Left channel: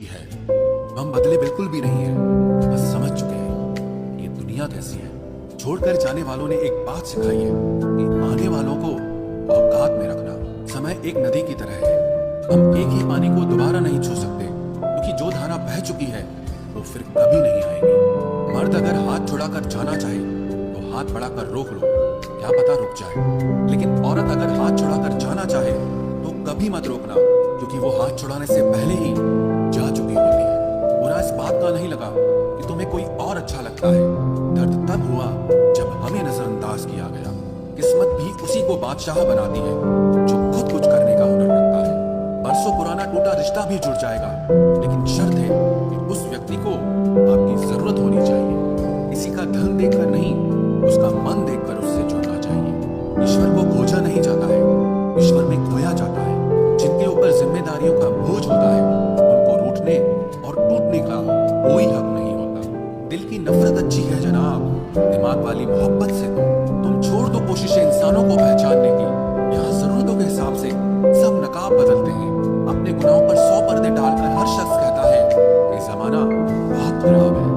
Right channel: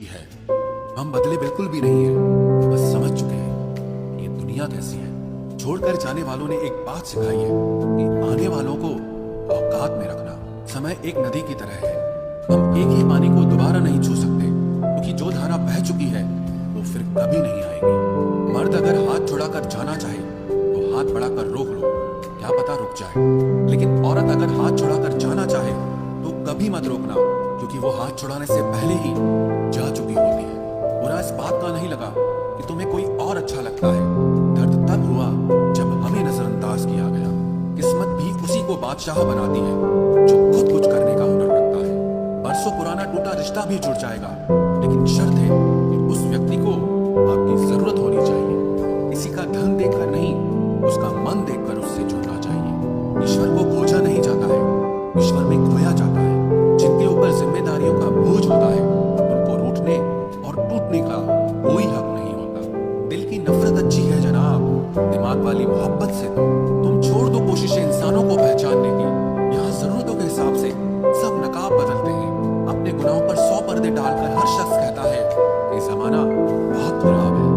है। हम बदले बिल्कुल भी नहीं है, बस समझ चुके हैं ये दुनिया कैसी है। छोड़कर जाने वालों ने एक बात सिखाई है कि आने वालों को औकात में रखना। समय एक नदी की तरह है, हम एक ही पानी को दोबारा नहीं छू सकते, क्योंकि जो धारा बह चुकी है वो फिर कभी नहीं आएगी। मर्द अगर हाथ छुड़ाकर जाना चाहे तो हाथ बढ़ाकर रोक लो, क्या पता रुक जाए। लेकिन औरत अगर हाथ छुड़ाकर जाना चाहे तो कभी मत रोकना, क्योंकि वो हाथ छुड़ाने से पहले ही जा चुकी होती है। बुरा इस बात का नहीं लगा कि तुम्हें कोई और अच्छा लगता है, दर्द तब हुआ जब हमें नजरअंदाज किया गया। किस्मत भी उसी को बादशाह बनाती है जो खुद कुछ करने का हुनर रखता है। बरसों पुराना टूटा रिश्ता भी जुड़ जाएगा, लेकिन शर्त है कि उस व्यक्ति को आपकी जरूरत होनी चाहिए। किसी का धन देखकर नहीं, उसका मन देखकर उससे जुड़ना चाहिए। ईश्वर को खोजा नहीं जाता है, ईश्वर में खोया जाता है। जिनके ऊपर जिम्मेदारियों का बोझ होता है उनको रूठने और टूटने का कोई हक नहीं होता। दिल की नफरत अच्छी है जनाब, दिमाग वाली मोहब्बत से तो तुम छोड़ दो कोशिशें इंसानों को पहचानने की। यहाँ जरूरतों के हिसाब से सब नकाब बदलते हैं। अपने गुनाहों पर 100 पर्दे डालकर हर शख्स कहता है कि जमाना बहुत खराब है।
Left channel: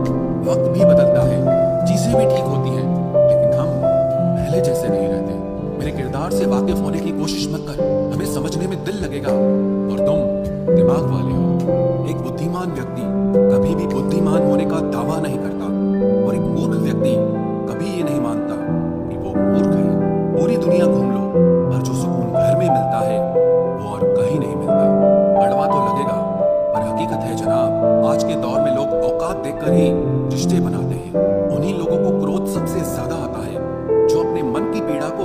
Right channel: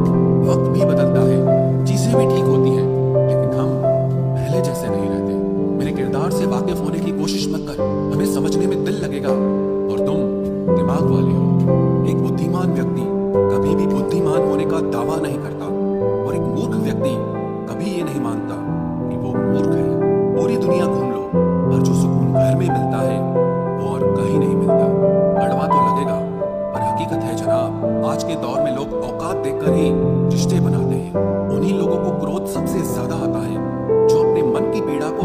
वक्त भी बदलता है, चीजें भी ठीक होती हैं, लेकिन हम पहले जैसे नहीं रहते। मेरे किरदार से वाकिफ होने की कोशिश मत कर, हमें समझने में दिल लगेगा और तुम दिमाग वाले हो। एक बुद्धिमान व्यक्ति कभी भी बुद्धिमान होने का दावा नहीं करता, और एक मूर्ख व्यक्ति कभी ये नहीं मानता कि वो मूर्ख है। पूरी दुनिया घूम लो, पर जो सुकून घर में मिलता है वो और कहीं नहीं मिलता। कड़वा तो लगेगा, पर हकीकत है जनाब, आज के दौर में लोग औकात देखकर ही रिश्ते बनाते हैं। उन्हीं लोगों को क्रोध सबसे ज्यादा आता है जो अपने मन की पीड़ा को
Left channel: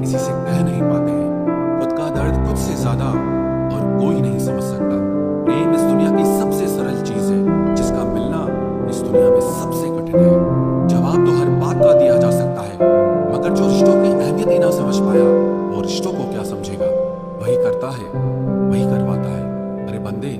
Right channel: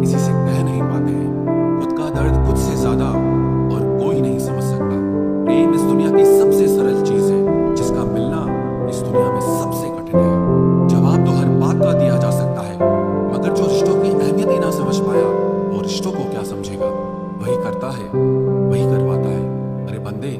किसी से कह नहीं पाते हैं। खुद का दर्द खुद से ज्यादा और कोई नहीं समझ सकता। प्रेम इस दुनिया की सबसे सरल चीज है, जिसका मिलना इस दुनिया में सबसे कठिन है। जवाब तो हर बात का दिया जा सकता है, मगर जो रिश्तों की अहमियत ही ना समझ पाया वो रिश्तों को क्या समझेगा। वही करता है, वही करवाता है। अरे बंदे,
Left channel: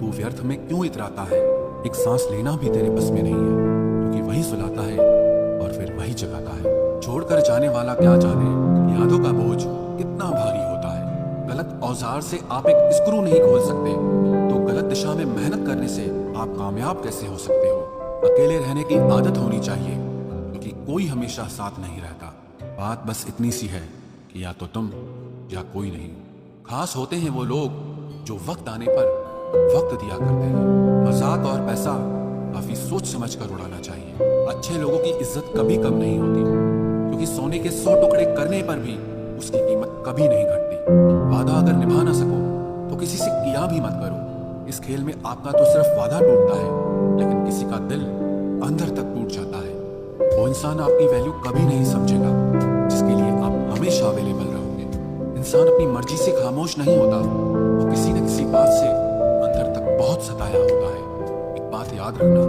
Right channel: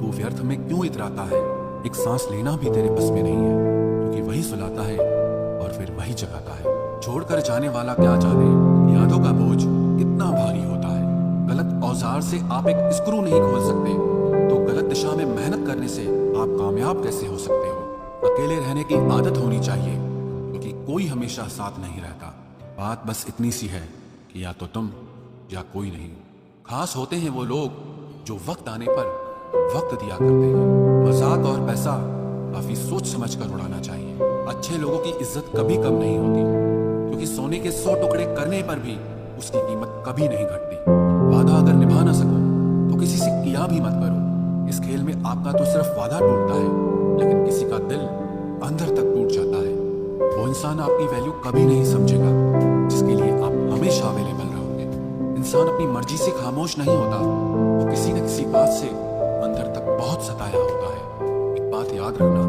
तू व्यर्थ में क्यों इतराता है। एक सांस लेना भी तेरे बस में नहीं है, क्योंकि वही सुलाता है और फिर वही जगाता है। छोड़कर जाने वाला क्या जाने यादों का बोझ कितना भारी होता है। गलत औजार से आप एक स्क्रू नहीं खोल सकते, तो गलत दिशा में मेहनत करने से आप कामयाब कैसे हो सकते हो। अकेले रहने की आदत होनी चाहिए, क्योंकि कोई हमेशा साथ नहीं रहता। बात बस इतनी सी है कि या तो तुम या कोई नहीं। खास होते हैं वो लोग जो वक्त आने पर वक्त दिया करते हैं। मजाक और पैसा काफी सोच समझ कर उड़ाना चाहिए। अच्छे लोगों की इज्जत कभी कम नहीं होती, क्योंकि सोने के 100 टुकड़े करने पर भी उसकी कीमत कभी नहीं घटती। वादा अगर निभा ना सको तो किसी से किया भी मत करो। इस खेल में आपका तो सिर्फ वादा टूटता है, लेकिन किसी का दिल अंदर तक टूट जाता है। वो इंसान आपकी वैल्यू कभी नहीं समझेगा जिसके लिए आप हमेशा अवेलेबल रहोगे। इंसान अपनी मर्जी से खामोश नहीं होता, वो किसी न किसी बात से अंदर तक बहुत सताया होता है। एक बात याद रखना,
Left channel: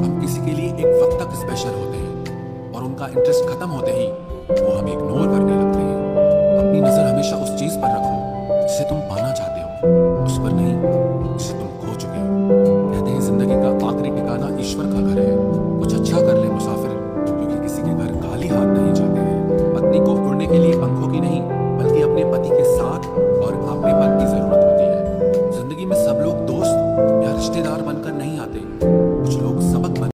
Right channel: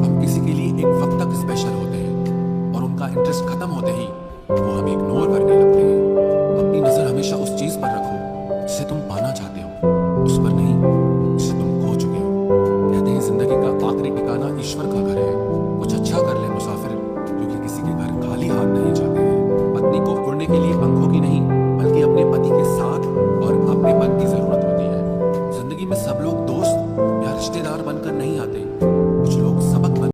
हम किसी के लिए एक वक्त तक स्पेशल होते हैं, और उनका इंटरेस्ट खत्म होते ही वो हमें इग्नोर करने लगते हैं। अपनी नजर हमेशा उस चीज पर रखो जिसे तुम पाना चाहते हो, उस पर नहीं जिसे तुम खो चुके हो। कहते हैं जिंदगी का आखिरी ठिकाना ईश्वर का घर है। कुछ अच्छा कर ले मुसाफिर, क्योंकि किसी के घर खाली हाथ नहीं जाते हैं। पत्नी को उड़ने के लिए पंखों की नहीं, बल्कि अपने पति के साथ और अपनेपन की जरूरत होती है। जिंदगी में सब लोग दोस्त या रिश्तेदार बनकर नहीं आते, कुछ लोग सबक बन